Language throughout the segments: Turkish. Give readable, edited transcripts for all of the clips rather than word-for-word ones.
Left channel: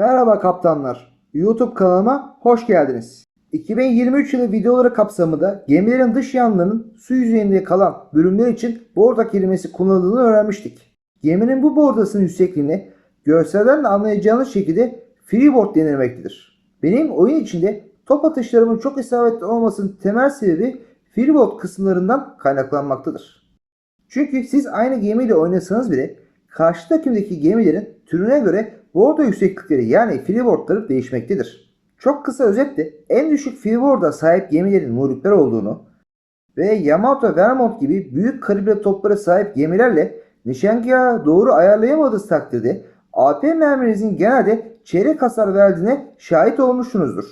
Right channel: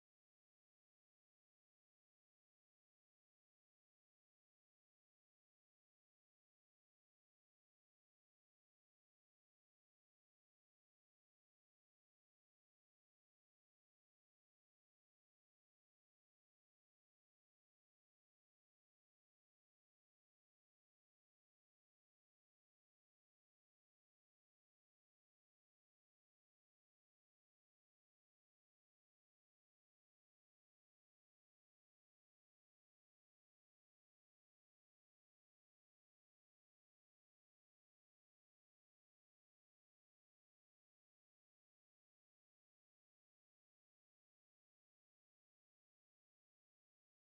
Merhaba kaptanlar. YouTube kanalıma hoş geldiniz. 2023 yılı videoları kapsamında gemilerin dış yanlarının su yüzeyinde kalan bölümler için borda kelimesi kullanıldığını öğrenmiştik. Geminin bu bordasının yüksekliğine görselden de anlayacağınız şekilde freeboard denilmektedir. Benim oyun içinde top atışlarımın çok isabetli olmasının temel sebebi freeboard kısımlarından kaynaklanmaktadır. Çünkü siz aynı gemiyle oynasanız bile karşı takımdaki gemilerin türüne göre bordo yükseklikleri yani freeboardları değişmektedir. Çok kısa özetle en düşük freeboard'a sahip gemilerin muhripler olduğunu ve Yamato, Vermont gibi büyük kalibre toplara sahip gemilerle nişangahı doğru ayarlayamadığınız takdirde AP merminizin genelde çeyrek hasar verdiğine şahit olmuşsunuzdur.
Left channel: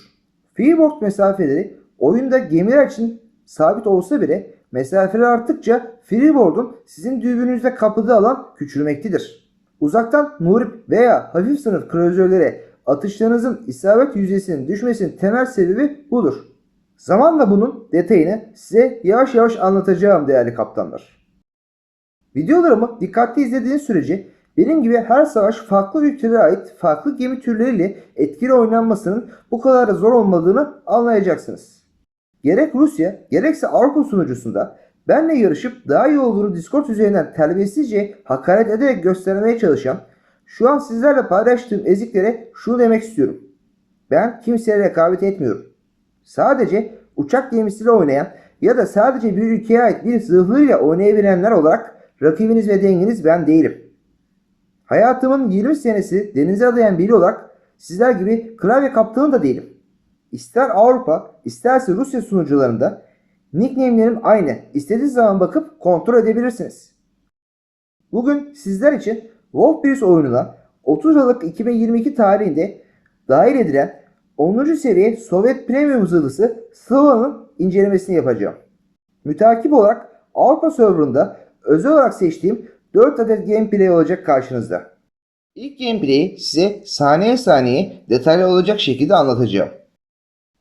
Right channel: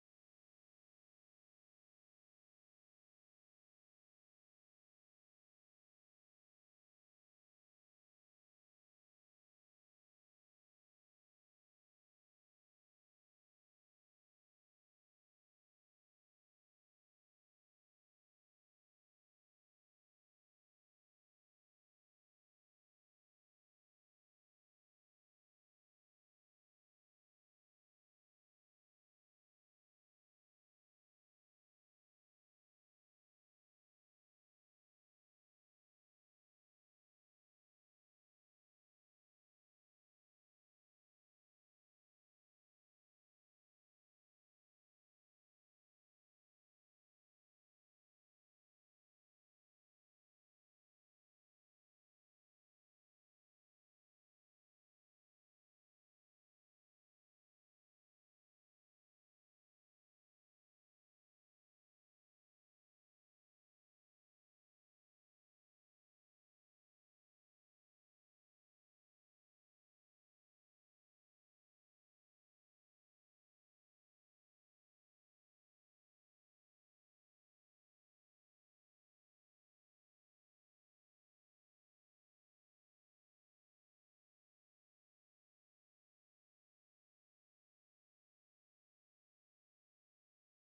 Freeboard mesafeleri oyunda gemiler için sabit olsa bile mesafeler arttıkça freeboard'un sizin dürbününüzde kapladığı alan küçülmektedir. Uzaktan muhrip veya hafif sınıf kruzörlere atışlarınızın isabet yüzdesinin düşmesinin temel sebebi budur. Zamanla bunun detayını size yavaş yavaş anlatacağım değerli kaptanlar. Videolarımı dikkatli izlediğiniz sürece benim gibi her savaş farklı ülkelere ait farklı gemi türleriyle etkili oynanmasının bu kadar da zor olmadığını anlayacaksınız. Gerek Rusya gerekse Avrupa sunucusunda benle yarışıp daha iyi olduğunu Discord üzerinden terbiyesizce hakaret ederek göstermeye çalışan, şu an sizlerle paylaştığım eziklere şunu demek istiyorum. Ben kimseye rekabet etmiyorum. Sadece uçak gemisiyle oynayan ya da sadece bir ülkeye ait bir zırhlıyla oynayabilenler olarak rakibiniz ve denginiz ben değilim. Hayatımın 20 senesi denize adayan biri olarak sizler gibi klavye kaptanı da değilim. İster Avrupa isterse Rusya sunucularında nickname'lerim aynı. İstediğiniz zaman bakıp kontrol edebilirsiniz. Bugün sizler için Wolfbreeze oyununa 30 Aralık 2022 tarihinde dahil edilen 10. seviye Sovyet Premium zırhlısı Slava'nın incelemesini yapacağım. Mütakip olarak Avrupa serverında özel olarak seçtiğim 4 adet gameplay olacak karşınızda. İlk gameplay'i size saniye saniye detaylı olacak şekilde anlatacağım.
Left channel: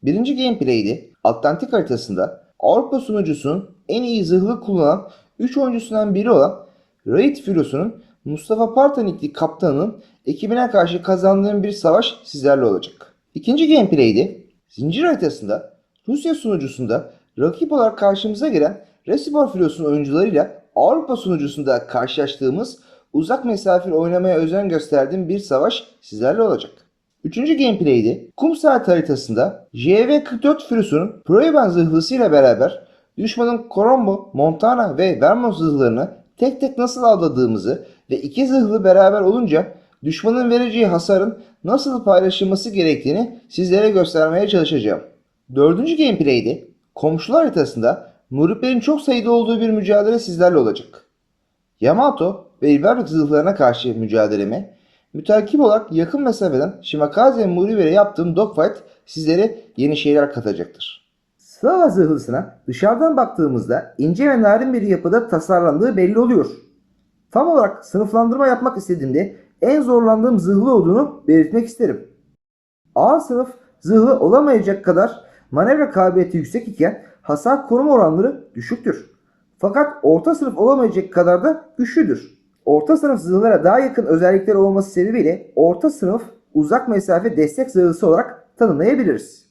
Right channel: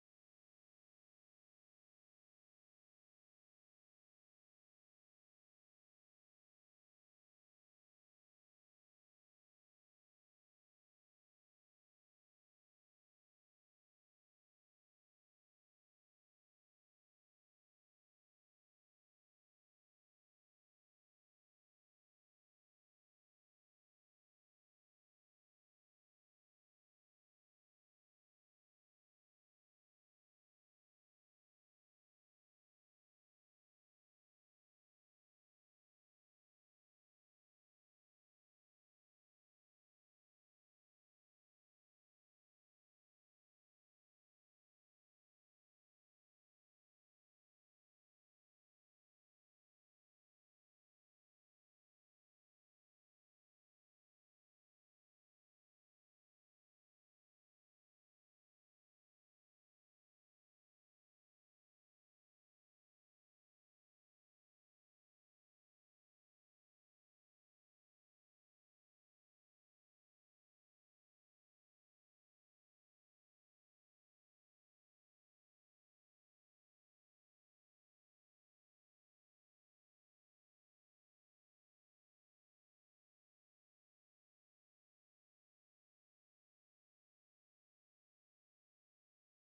Birinci gameplay'de Atlantik haritasında Avrupa sunucusunun en iyi zırhlı kullanan 3 oyuncusundan biri olan Raid Filosu'nun Mustafa Partanikli kaptanının ekibine karşı kazandığım bir savaş sizlerle olacak. İkinci gameplay'de Zincir haritasında Rusya sunucusunda rakip olarak karşımıza gelen Resibor Filosu'nun oyuncularıyla Avrupa sunucusunda karşılaştığımız uzak mesafeli oynamaya özen gösterdiğim bir savaş sizlerle olacak. Üçüncü gameplay'de kum saat haritasında JV-44 Filosu'nun Proeban zırhlısıyla beraber düşmanın Colombo, Montana ve Vermont zırhlarını tek tek nasıl avladığımızı ve iki zırhlı beraber olunca düşmanın vereceği hasarın nasıl paylaşılması gerektiğini sizlere göstermeye çalışacağım. Dördüncü gameplay'de komşular haritasında muhriplerin çok sayıda olduğu bir mücadele sizlerle olacak. Yamato ve Ibarra zırhlarına karşı mücadeleme, mütakip olarak yakın mesafeden Shimakaze Muriver'e yaptığım dogfight sizlere yeni şeyler katacaktır. Slava zırhlısına dışarıdan baktığımızda ince ve narin bir yapıda tasarlandığı belli oluyor. Tam olarak sınıflandırma yapmak istediğimde en zorlandığım zırhlı olduğunu belirtmek isterim. A sınıf zırhlı olamayacak kadar manevra kabiliyeti yüksek iken hasar koruma oranları düşüktür. Fakat orta sınıf olamayacak kadar da güçlüdür. Orta sınıf zırhlara daha yakın özellikleri olması sebebiyle orta sınıf uzak mesafe destek zırhlısı olarak tanımlayabiliriz.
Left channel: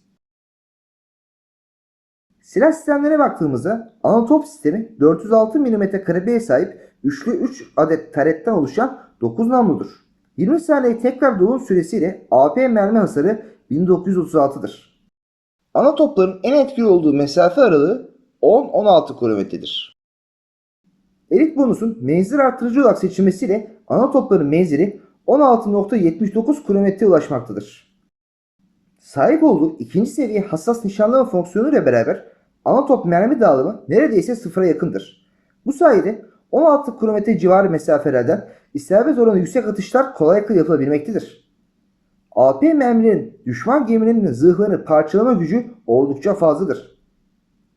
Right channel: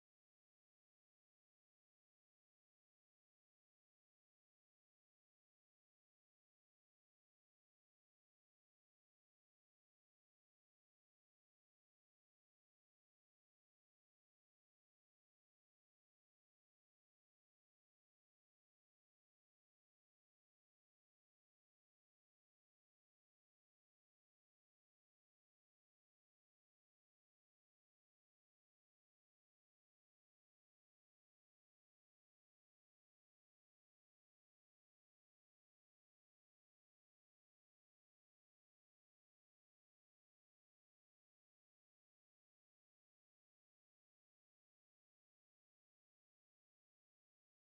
Silah sistemlerine baktığımızda Anatop sistemi 406 mm kalibreye sahip üçlü 3 adet taretten oluşan 9 namludur. 20 saniye tekrar dolum süresiyle AP mermi hasarı 1936'dır. Ana topların en etkili olduğu mesafe aralığı 10-16 kilometredir. Elit bonusun menzil artırıcı olarak seçilmesiyle ana topların menzili 16.79 kilometreye ulaşmaktadır. Sahip olduğu ikinci seviye hassas nişanlama fonksiyonuyla beraber ana top mermi dağılımı neredeyse sıfıra yakındır. Bu sayede 16 kilometre civarı mesafelerden isabet oranı yüksek atışlar kolaylıkla yapılabilmektedir. AP mermilerin düşman geminin zırhlarını parçalama gücü oldukça fazladır.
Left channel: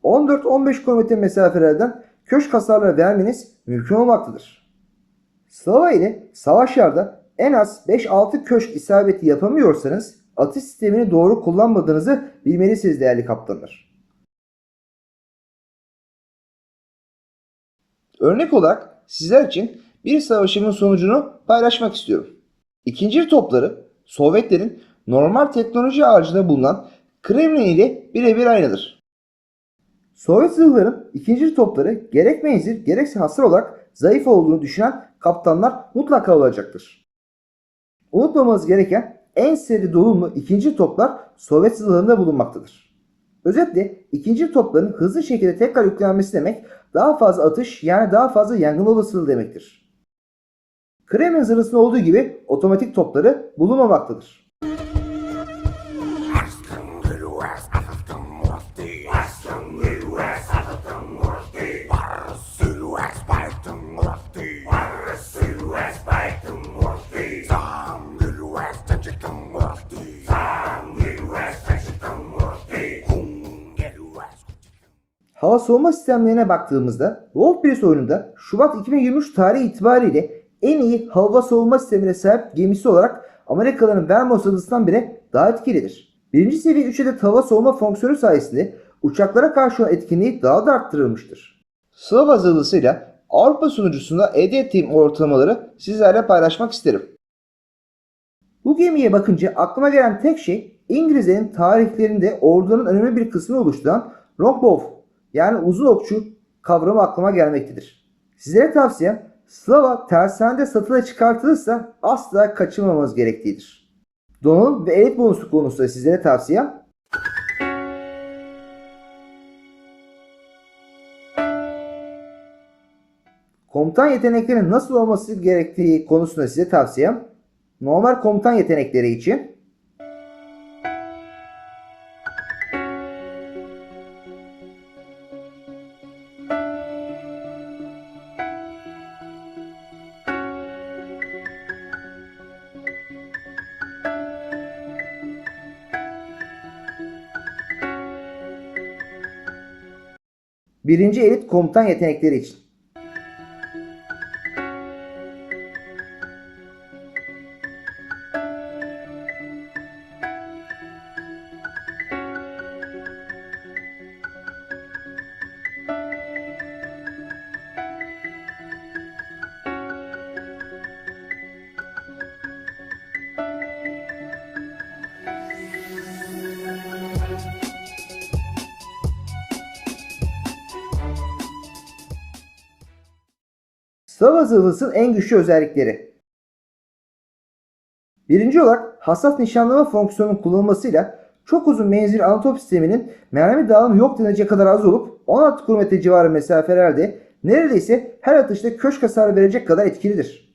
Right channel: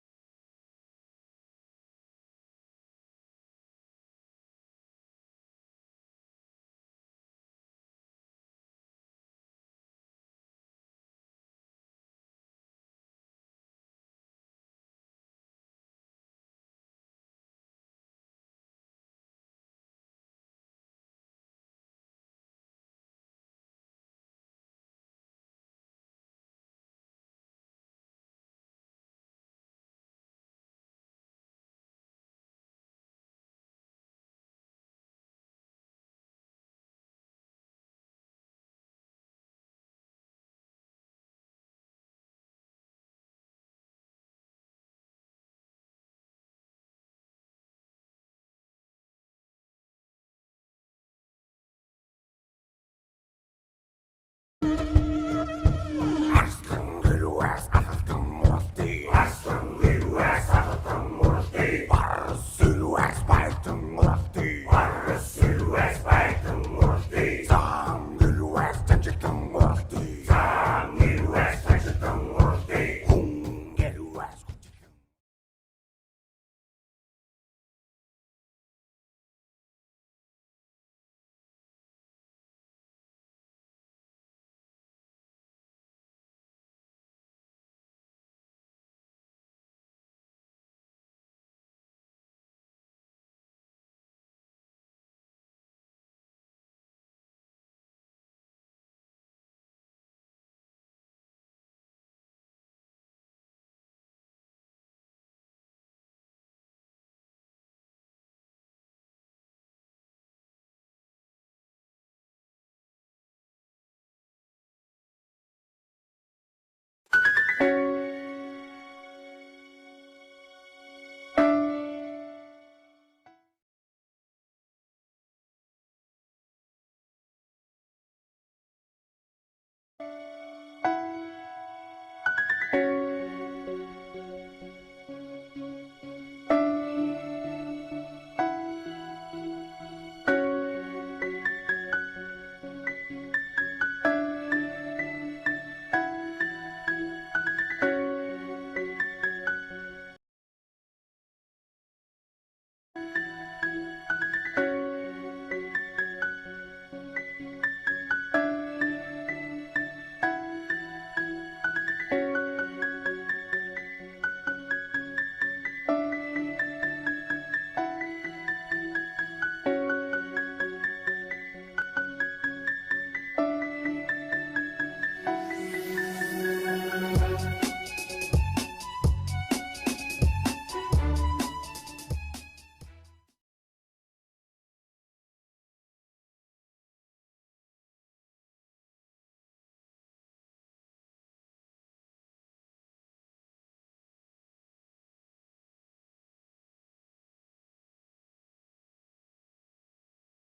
14-15 kilometre mesafelerden köşk hasarları vermeniz mümkün olmaktadır. Slava ile savaşlarda en az 5-6 köşk isabeti yapamıyorsanız atış sistemini doğru kullanmadığınızı bilmelisiniz değerli kaptanlar. Örnek olarak sizler için bir savaşımın sonucunu paylaşmak istiyorum. İkinci topları Sovyetlerin normal teknoloji ağacında bulunan Kremlin ile birebir aynıdır. Sovyet zırhların ikinci topları gerek menzil gerekse hasar olarak zayıf olduğunu düşünen kaptanlar mutlaka olacaktır. Unutmamamız gereken en seri donanımlı ikinci toplar Sovyet zırhlarında bulunmaktadır. Özetle ikinci topların hızlı şekilde tekrar yüklenmesi demek daha fazla atış yani daha fazla yangın olasılığı demektir. Kremlin zırhında olduğu gibi otomatik topları bulunmamaktadır. Hava savunma sistemlerine baktığımızda Wolf Blitz oyununda Şubat 2023 tarihi itibariyle en iyi hava savunma sistemine sahip gemisi olarak Amerikalıların Vermont zırhlısından biri daha etkilidir. Birinci seviye 3 adet hava savunma fonksiyonu sayesinde uçaklara karşı olan etkinliği daha da arttırılmıştır. Slava zırhlısıyla Avrupa sunucusunda elde ettiğim ortalamaları sizlerle paylaşmak isterim. Bu gemiye bakınca aklıma gelen tek şey İngilizlerin tarihlerinde ordunun önemli bir kısmını oluşturan longbow yani uzun okçu kavramı aklıma gelmektedir. Sizlere tavsiyem Slava tersanede satışa çıkartılırsa asla kaçırmamamız gerektiğidir. Donanım ve elit bonusu konusunda sizlere tavsiyem komutan yeteneklerinin nasıl olması gerektiği konusunda size tavsiyem normal komutan yetenekleri için birinci elit komutan yetenekleri için. Slava zırhlısının en güçlü özellikleri. Birinci olarak hassas nişanlama fonksiyonunun kullanılmasıyla çok uzun menzilli anatop sisteminin mermi dağılımı yok denecek kadar az olup 16 km civarı mesafelerde neredeyse her atışta köşk hasarı verecek kadar etkilidir.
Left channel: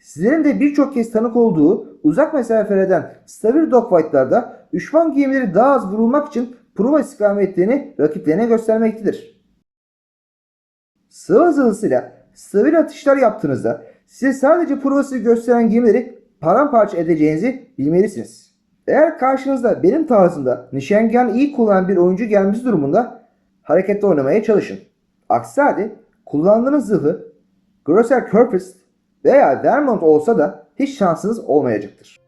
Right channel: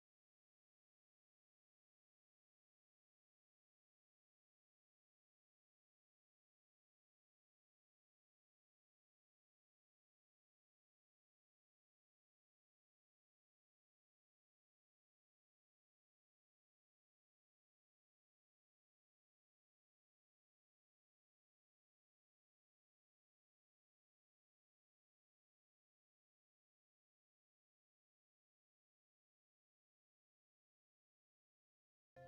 Sizlerin de birçok kez tanık olduğu uzak mesafelerden stabil dogfight'larda düşman gemileri daha az vurulmak için prova istikametlerini rakiplerine göstermektedir. Slava zırhlısıyla stabil atışlar yaptığınızda size sadece provasını gösteren gemileri paramparça edeceğinizi bilmelisiniz. Eğer karşınızda benim tarzımda nişangahını iyi kullanan bir oyuncu gelmesi durumunda harekette oynamaya çalışın. Aksi halde kullandığınız zırhı Grosser Körpers veya Vermont olsa da hiç şansınız olmayacaktır.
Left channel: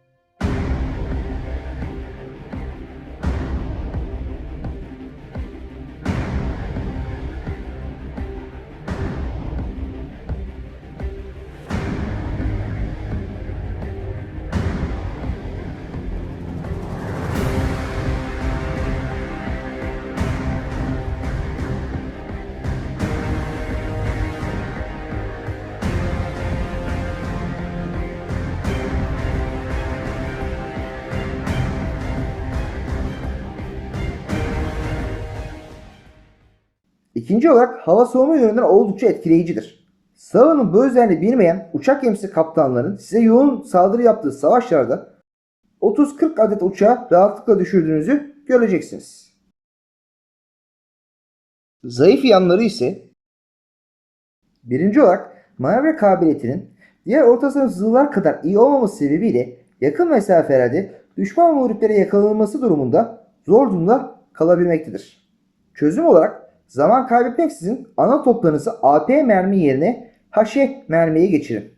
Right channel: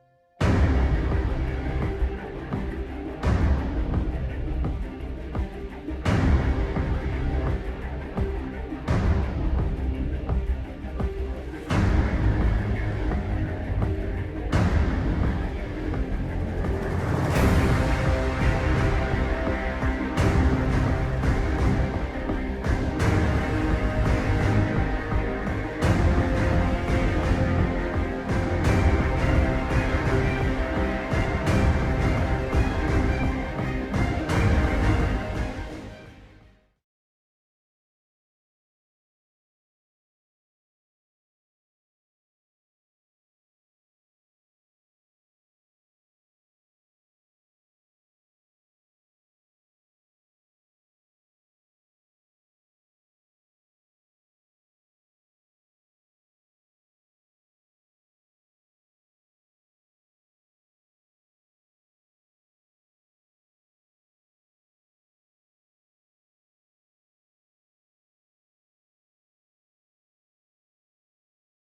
İkinci olarak hava savunma yönünden oldukça etkileyicidir. Slava'nın bu özelliğini bilmeyen uçak gemisi kaptanlarının size yoğun saldırı yaptığı savaşlarda 30-40 adet uçağı rahatlıkla düşürdüğünüzü göreceksiniz. Zayıf yanları ise birinci olarak manevra kabiliyetinin diğer orta sınıf zırhlar kadar iyi olmaması sebebiyle yakın mesafelerde düşman muhriplere yakalanması durumunda zor durumda kalabilmektedir. Çözüm olarak zaman kaybetmeksizin ana toplarınızı AP mermi yerine HE mermiye geçirin.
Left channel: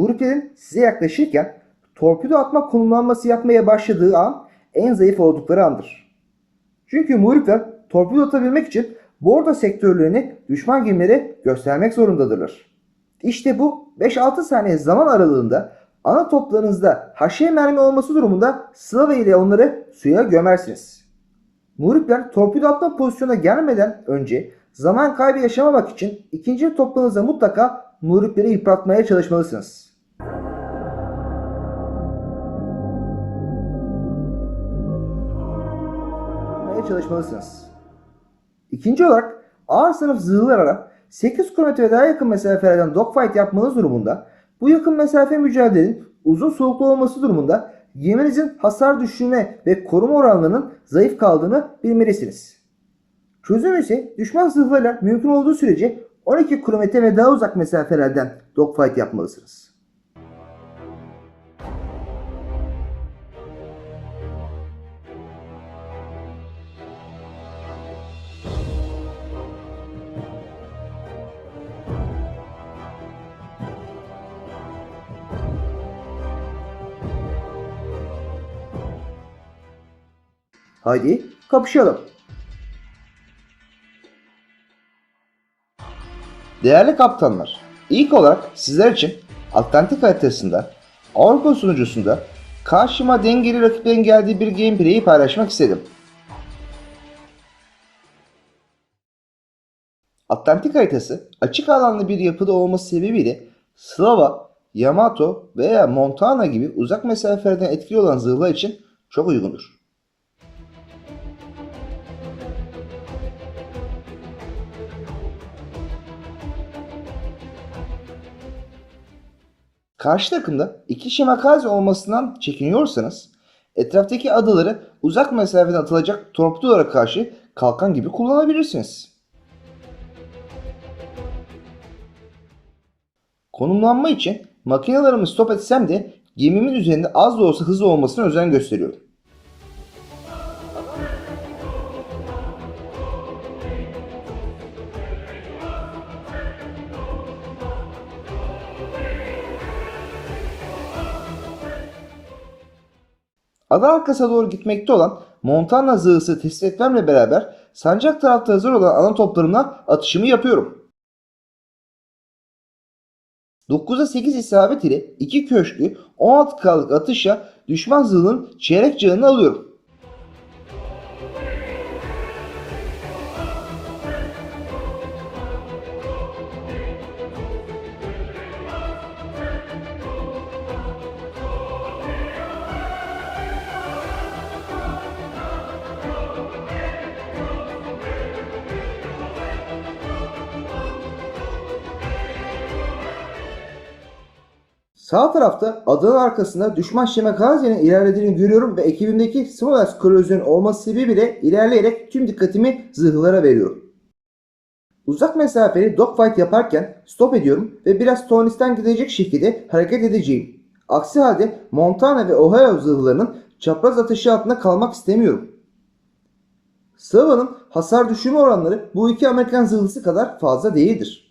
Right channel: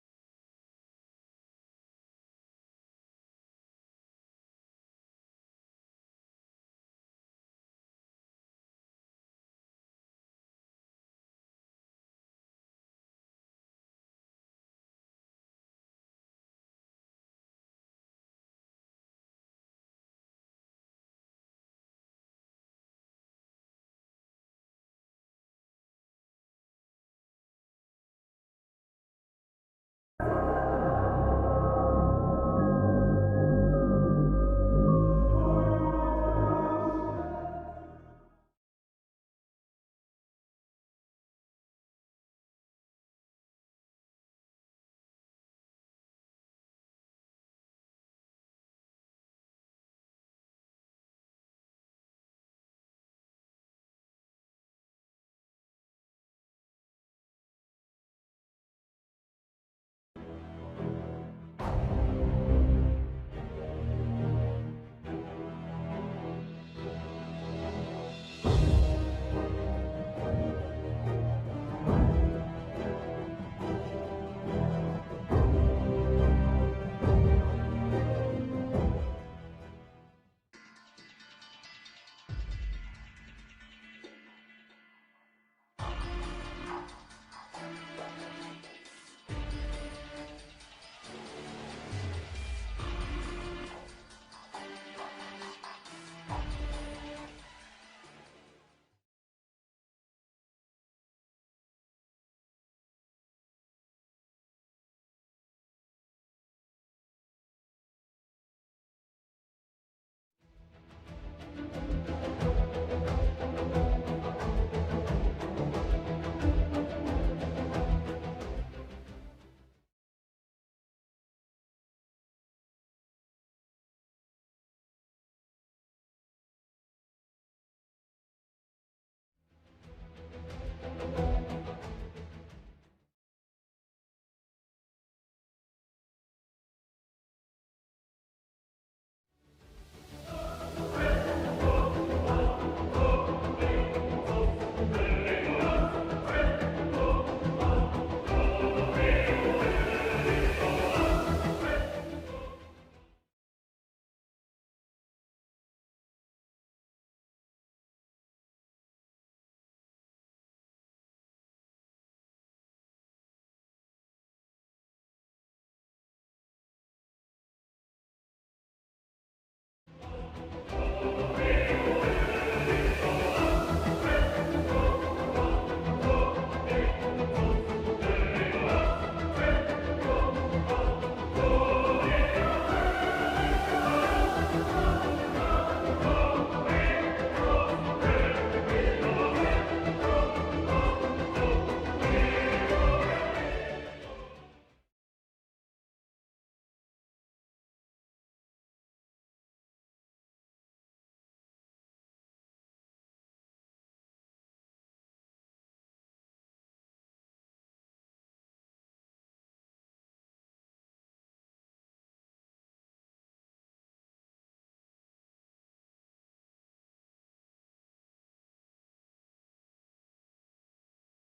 muhriplerin size yaklaşırken torpido atma konumlanması yapmaya başladığı an en zayıf oldukları andır. Çünkü muhripler torpido atabilmek için bordo sektörlerini düşman gemilere göstermek zorundadırlar. İşte bu 5-6 saniye zaman aralığında ana toplarınızda haşiye mermi olması durumunda Slava ile onları suya gömersiniz. Muhripler torpido atma pozisyona gelmeden önce zaman kaybı yaşamamak için ikinci toplarınızda mutlaka muhripleri yıpratmaya çalışmalısınız. İkinci olarak ağır sınıf zırhlılara 8 km daha yakın mesafelerden dogfight yapmanız durumunda bu yakın mesafe mücadelenin uzun soluklu olması durumunda geminizin hasar düşürme ve koruma oranlarının zayıf kaldığını bilmelisiniz. Çözüm ise düşman zırhlarıyla mümkün olduğu sürece 12 km ve daha uzak mesafelerden dogfight yapmalısınız. Haydi kapışalım. Değerli kaptanlar, ilk olarak sizler için Atlantik haritasında, Avrupa sunucusunda karşıma dengeli rakiplerin geldiği bir gameplay'i paylaşmak istedim. Atlantik haritası açık alanlı bir yapıda olması sebebiyle Slava, Yamato veya Montana gibi uzak mesafelerden etkili olan zırhlar için çok uygundur. Karşı takımda iki Shimakaze olmasından çekiniyorsanız etraftaki adaları uzak mesafeden atılacak torpidolara karşı kalkan gibi kullanabilirsiniz. Konumlanma için makinelerimi stop etsem de gemimin üzerinde az da olsa hızlı olmasına özen gösteriyorum. Ada arkasına doğru gitmekte olan Montana zırhlısı test etmemle beraber sancak tarafta hazır olan ana toplarımla atışımı yapıyorum. 9'a 8 isabet ile 2 köşklü 16K'lık atışla düşman zırhının çeyrek canını alıyorum. Sağ tarafta adanın arkasında düşman Shimakaze'nin ilerlediğini görüyorum ve ekibimdeki Smolensk korozyon olması sebebiyle ilerleyerek tüm dikkatimi zırhlara veriyorum. Uzak mesafeli dogfight yaparken stop ediyorum ve biraz Tony'sten gidecek şekilde hareket edeceğim. Aksi halde Montana ve Ohio zırhlarının çapraz ateşi altında kalmak istemiyorum. Slava'nın hasar düşürme oranları bu iki Amerikan zırhlısı kadar fazla değildir.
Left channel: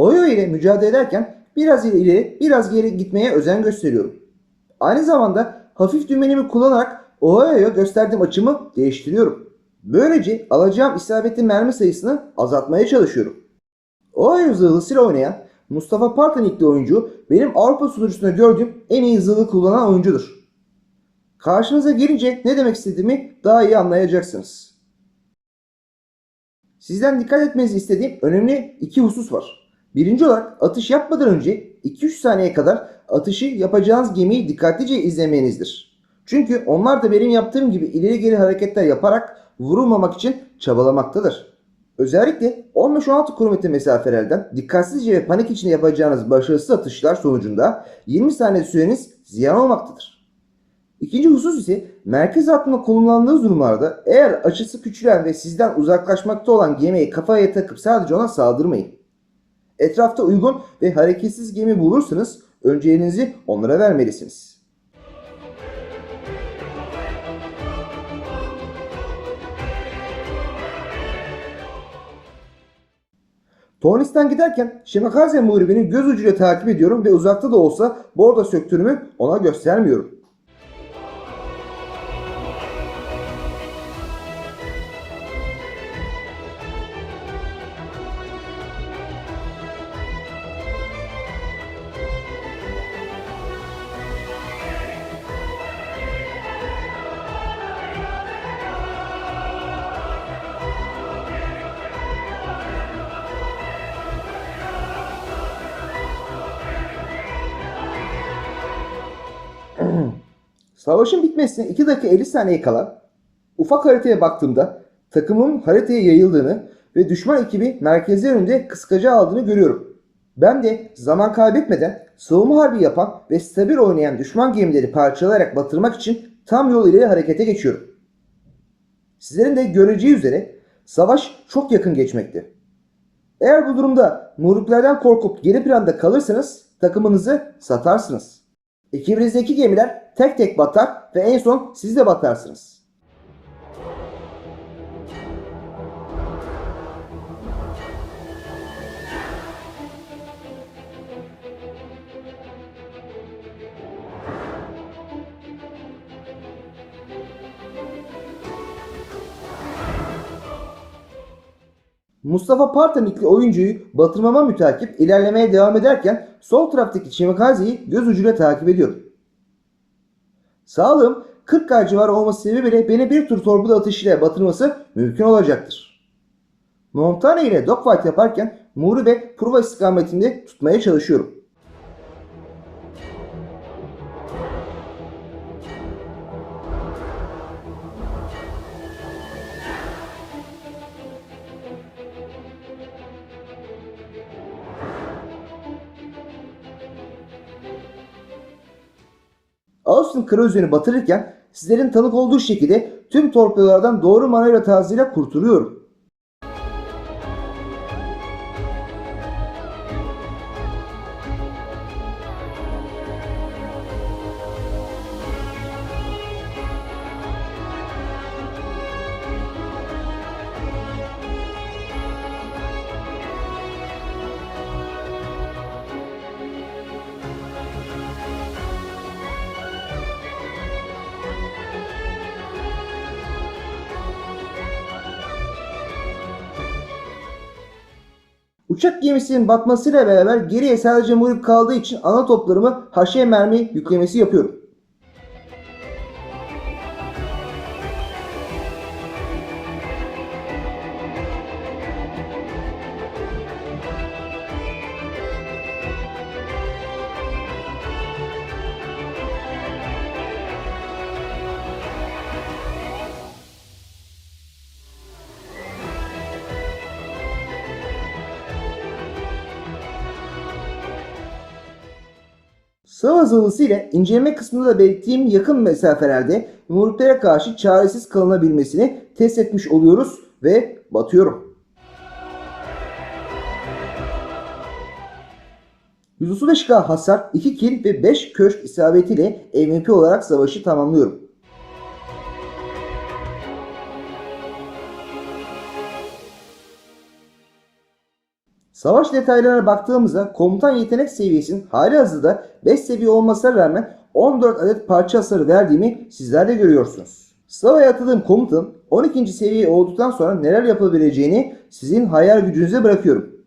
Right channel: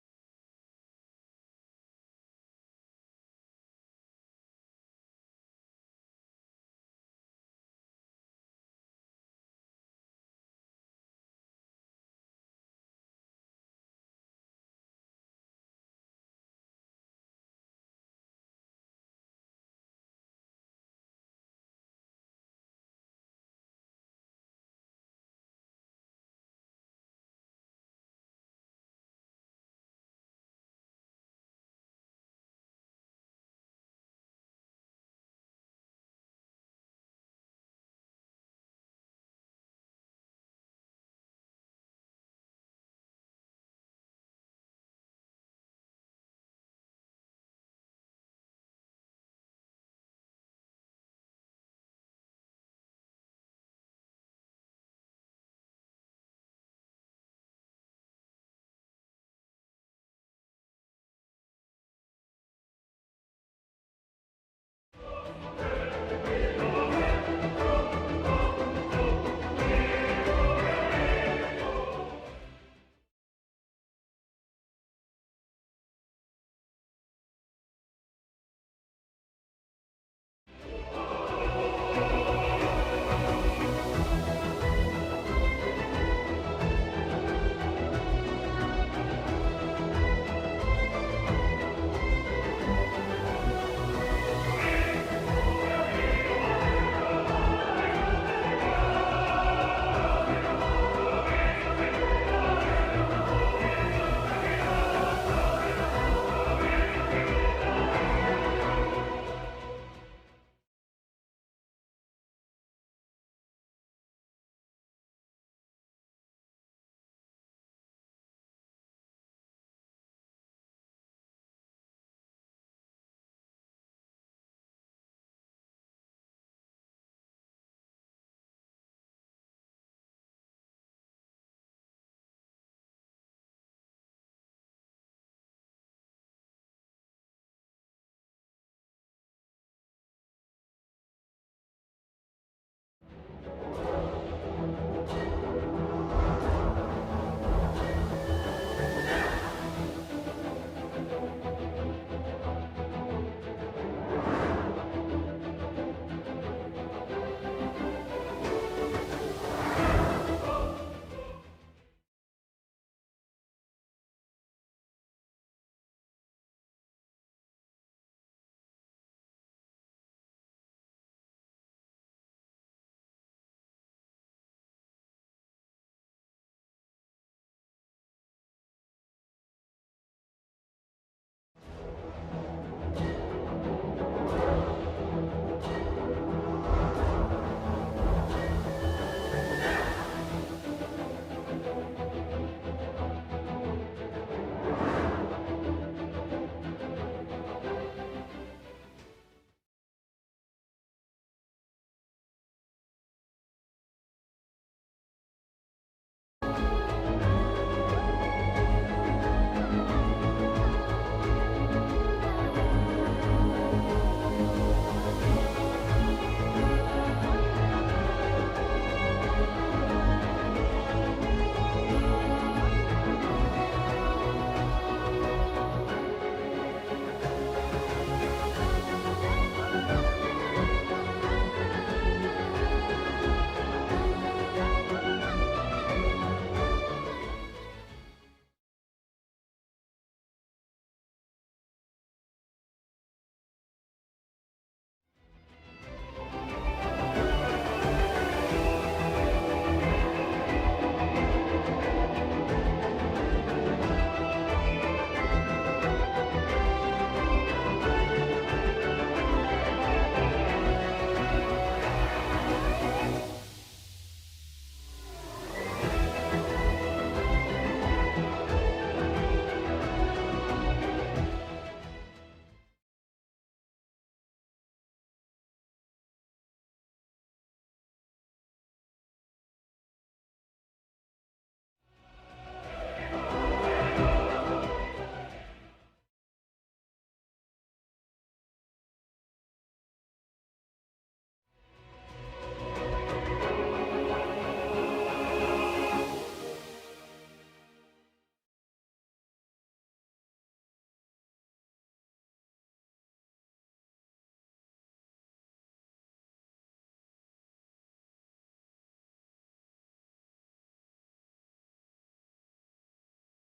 Ohio ile mücadele ederken biraz ileri biraz geri gitmeye özen gösteriyorum. Aynı zamanda hafif dümenimi kullanarak Ohio'ya gösterdiğim açımı değiştiriyorum. Böylece alacağım isabetli mermi sayısını azaltmaya çalışıyorum. Ohio zırhlısıyla oynayan Mustafa Partanikli oyuncu benim Avrupa sunucusunda gördüğüm en iyi zırhlı kullanan oyuncudur. Karşınıza gelince ne demek istediğimi daha iyi anlayacaksınız. Sizden dikkat etmenizi istediğim önemli iki husus var. Birinci olarak atış yapmadan önce 2-3 saniye kadar atışı yapacağınız gemiyi dikkatlice izlemenizdir. Çünkü onlar da benim yaptığım gibi ileri geri hareketler yaparak vurulmamak için çabalamaktadır. Özellikle 15-16 km mesafelerden dikkatsizce ve panik içinde yapacağınız başarısız atışlar sonucunda 20 saniye süreniz ziyan olmaktadır. İkinci husus ise merkez hattında konumlandığı durumlarda eğer açısı küçülen ve sizden uzaklaşmakta olan gemiyi kafaya takıp sadece ona saldırmayın. Etrafta uygun ve hareketsiz gemi bulursanız Önceliğinizi onlara vermelisiniz. Tornis'ten giderken Shimakaze muhribini göz ucuyla takip ediyorum ve uzakta da olsa bordo söktürümü ona göstermiyorum. Savaşın bitmesine 2 dakika 50 saniye kala ufak haritaya baktığımda takımın haritaya yayıldığını ve düşman ekibi merkezler önünde kıskaca aldığını görüyorum. Ben de zaman kaybetmeden savunma harbi yapan ve stabil oynayan düşman gemileri parçalayarak batırmak için tam yol ileri harekete geçiyorum. Sizlerin de göreceği üzere savaş çok yakın geçmekte. Eğer bu durumda muhriplerden korkup geri planda kalırsanız takımınızı satarsınız. Ekibinizdeki gemiler tek tek batar ve en son siz de batarsınız. Mustafa Partanikli oyuncuyu batırmama mütakip ilerlemeye devam ederken sol taraftaki Shimakaze'yi göz ucuyla takip ediyorum. Sağlığım 40K civarı olması sebebiyle beni bir tur torpido atışıyla batırması mümkün olacaktır. Montana ile dogfight yaparken Muri ve Pruva istikametinde tutmaya çalışıyorum. Austin Kreutz'ünü batırırken sizlerin tanık olduğu şekilde tüm torpidolardan doğru manevra tarzıyla kurtuluyorum. Uçak gemisinin batmasıyla beraber geriye sadece muhrip kaldığı için ana toplarımı haşe mermi yüklemesi yapıyorum. Sıvı hızlısı ile inceleme kısmında da belirttiğim yakın mesafelerde muhriplere karşı çaresiz kalınabilmesini test etmiş oluyoruz ve batıyorum. 135K hasar, 2 kill ve 5 köşk isabetiyle MVP olarak savaşı tamamlıyorum. Savaş detaylarına baktığımızda komutan yetenek seviyesinin halihazırda 5 seviye olmasına rağmen 14 adet parça hasarı verdiğimi sizler de görüyorsunuz. Sava'ya atadığım komutanın 12. seviye olduktan sonra neler yapabileceğini sizin hayal gücünüze bırakıyorum.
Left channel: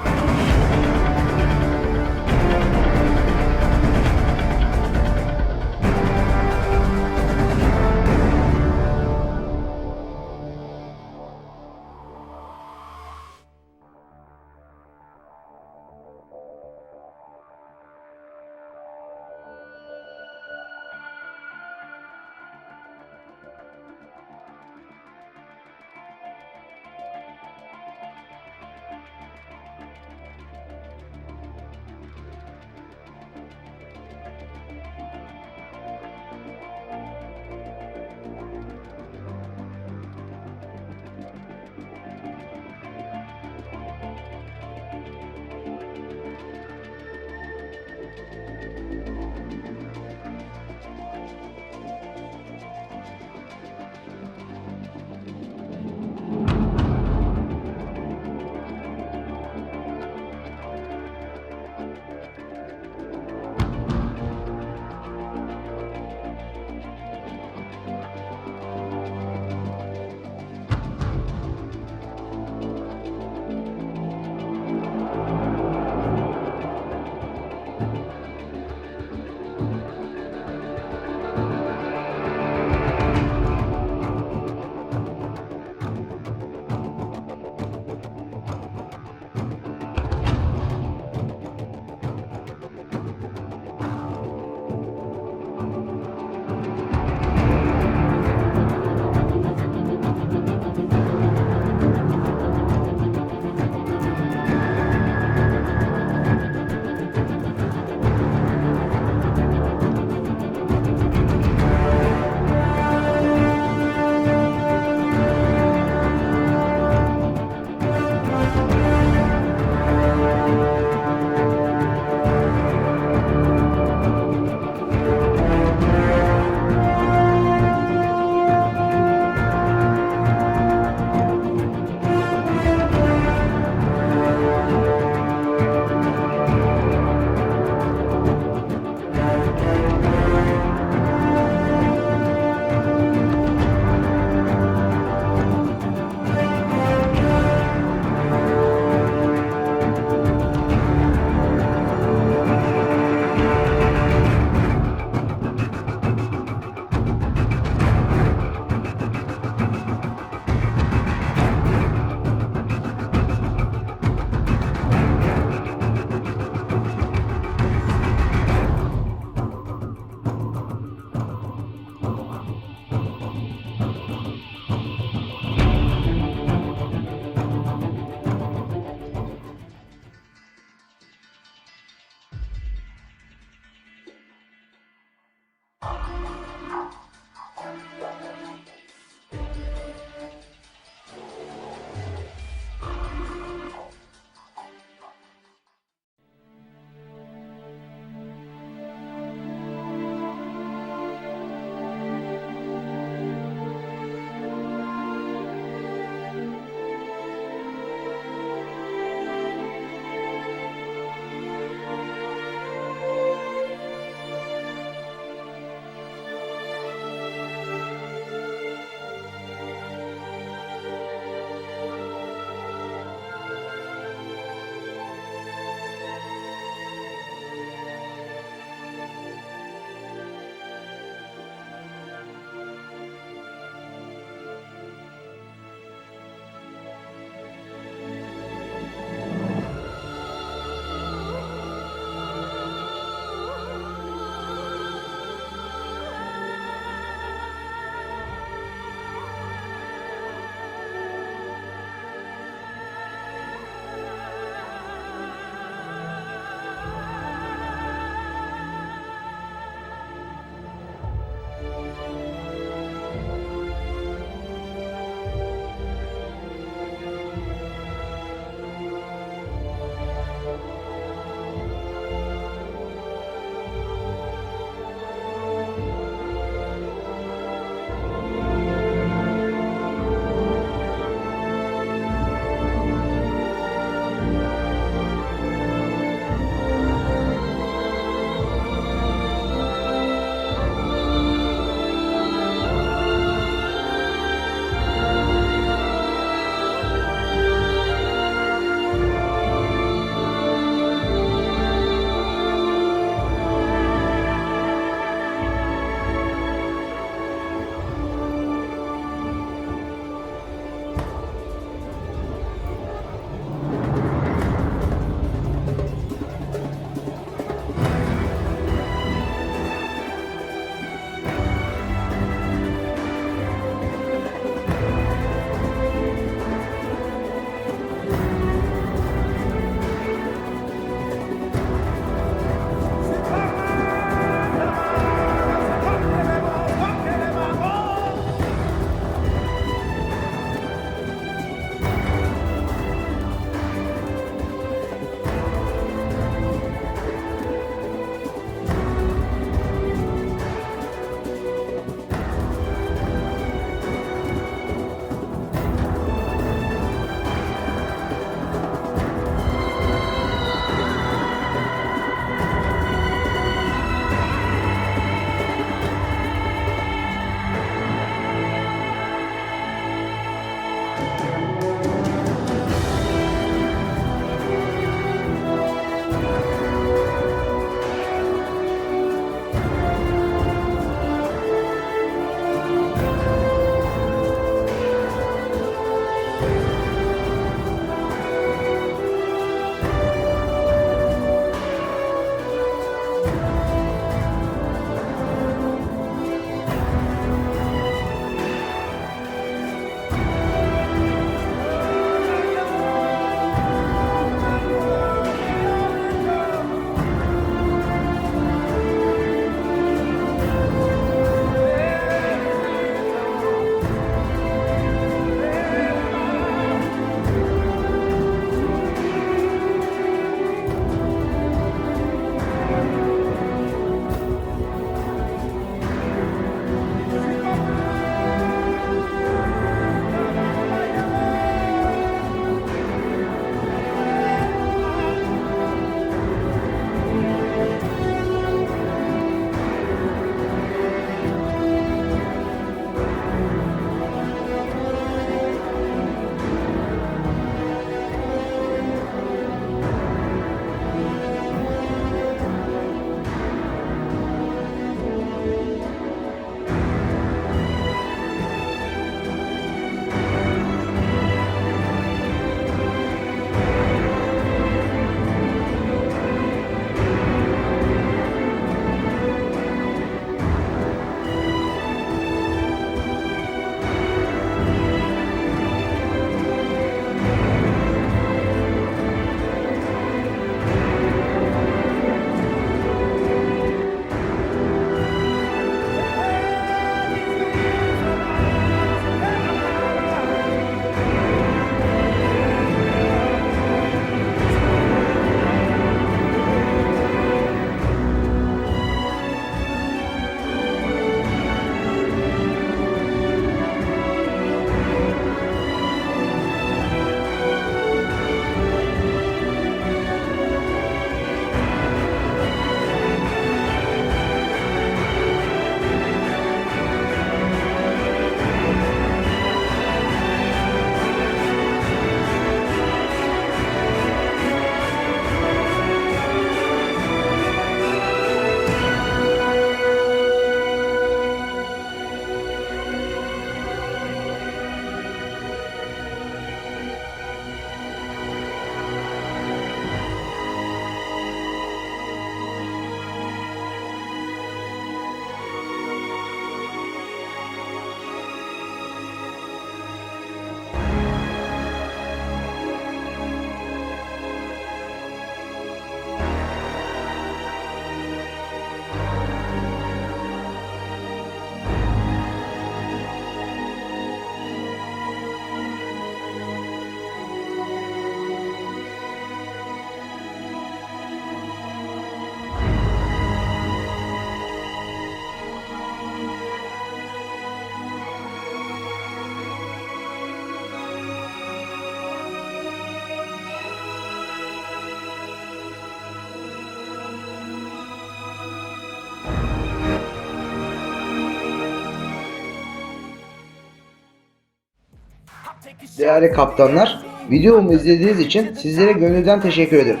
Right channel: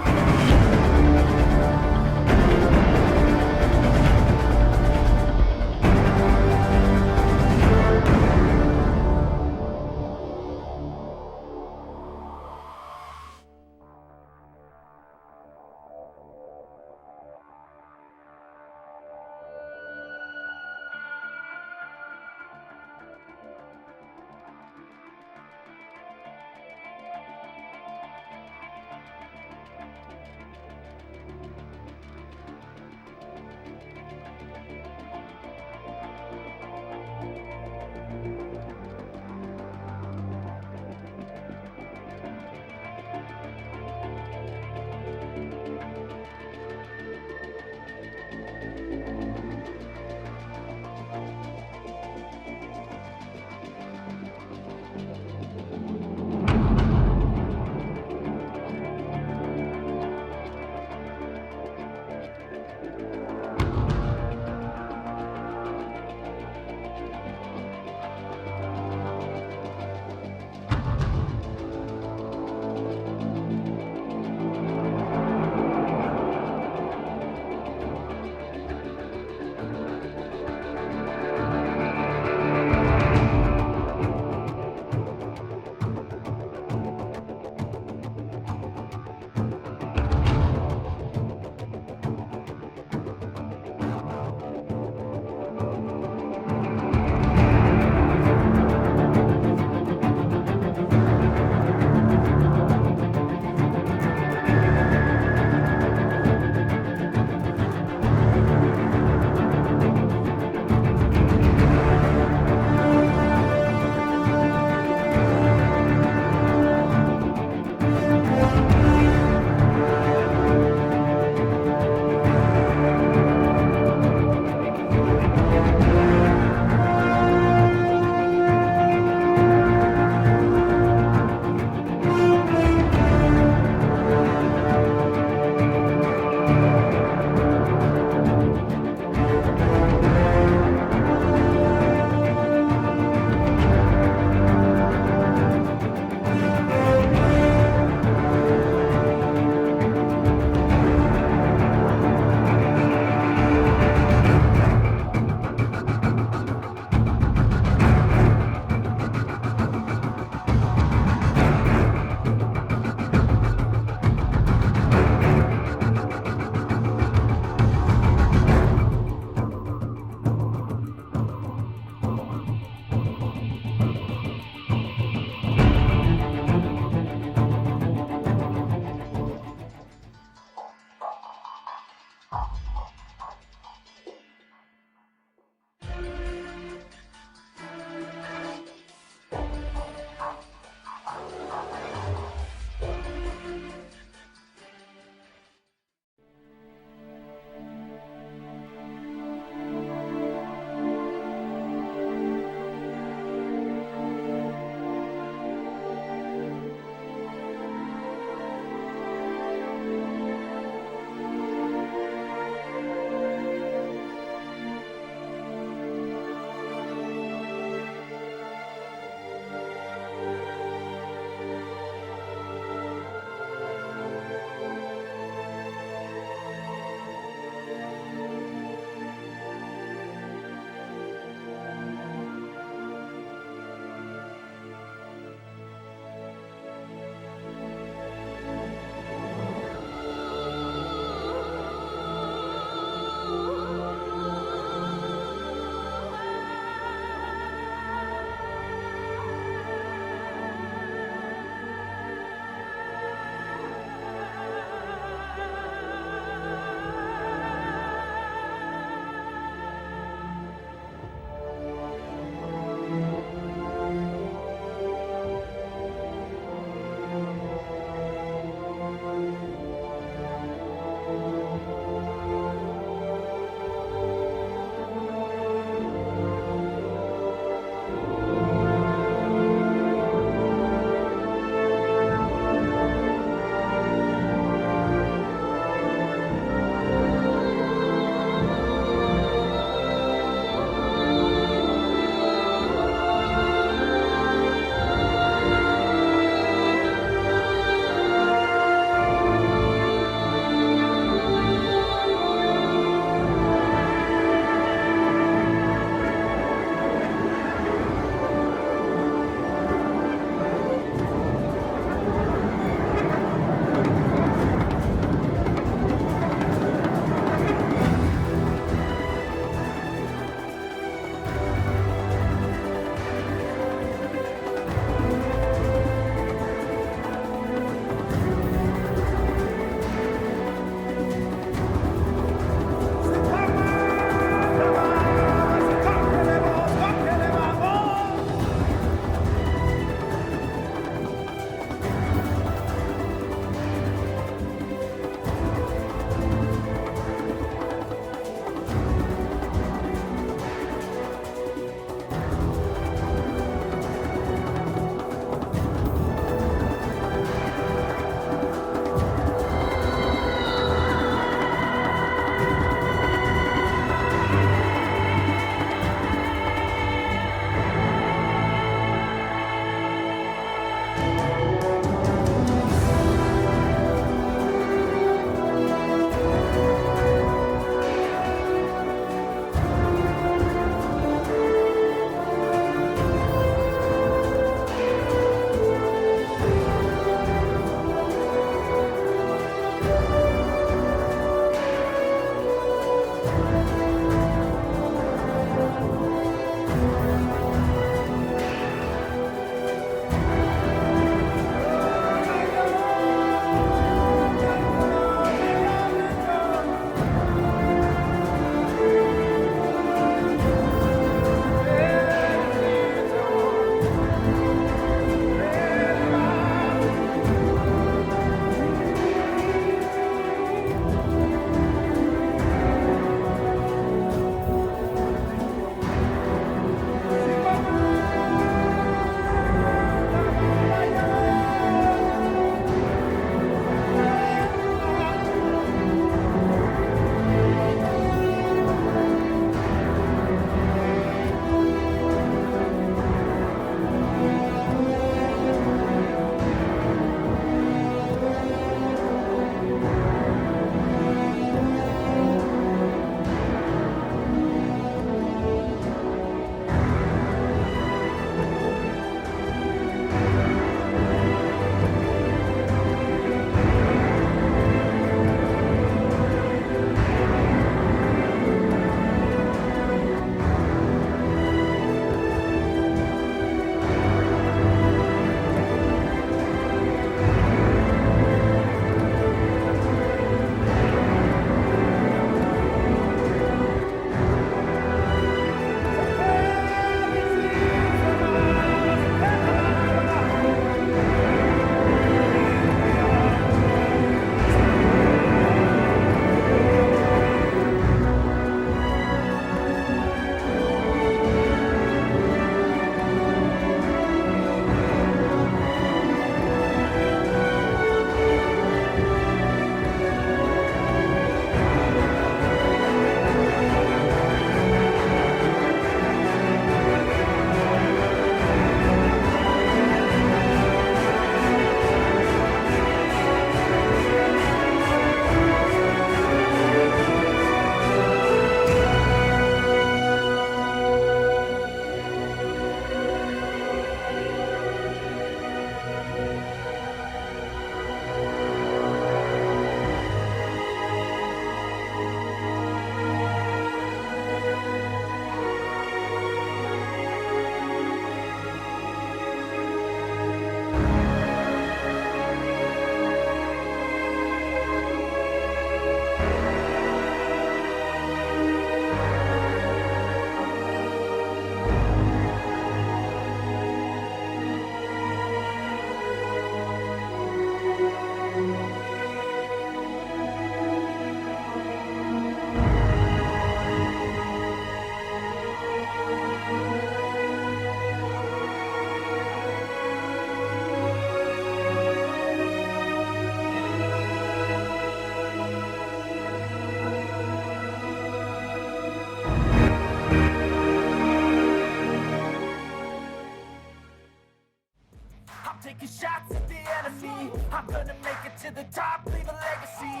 Değerli kaptanlar, videomu izlediğiniz için sizlere gönülden teşekkür ederim.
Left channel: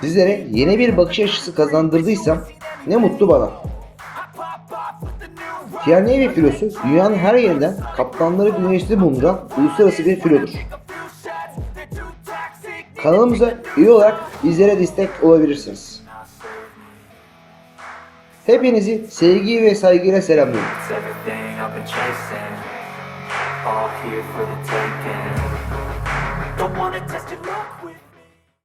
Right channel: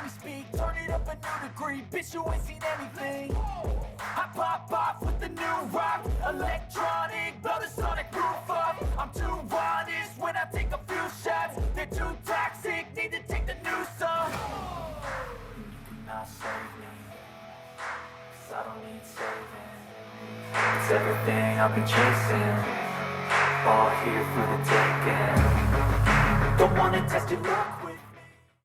Sizlere yeni bir bakış açısı kazandırdıysam ne mutlu bana. Pierre Navy filosu dünyanın her yerinden kaptanları güneşli bulunduran uluslararası bir filodur. Kanalımıza üye olarak bizlere destek olabilirsiniz. Hepinizi sevgi ve saygıyla selamlıyorum. All here for the taking. Don't wanna test your luck.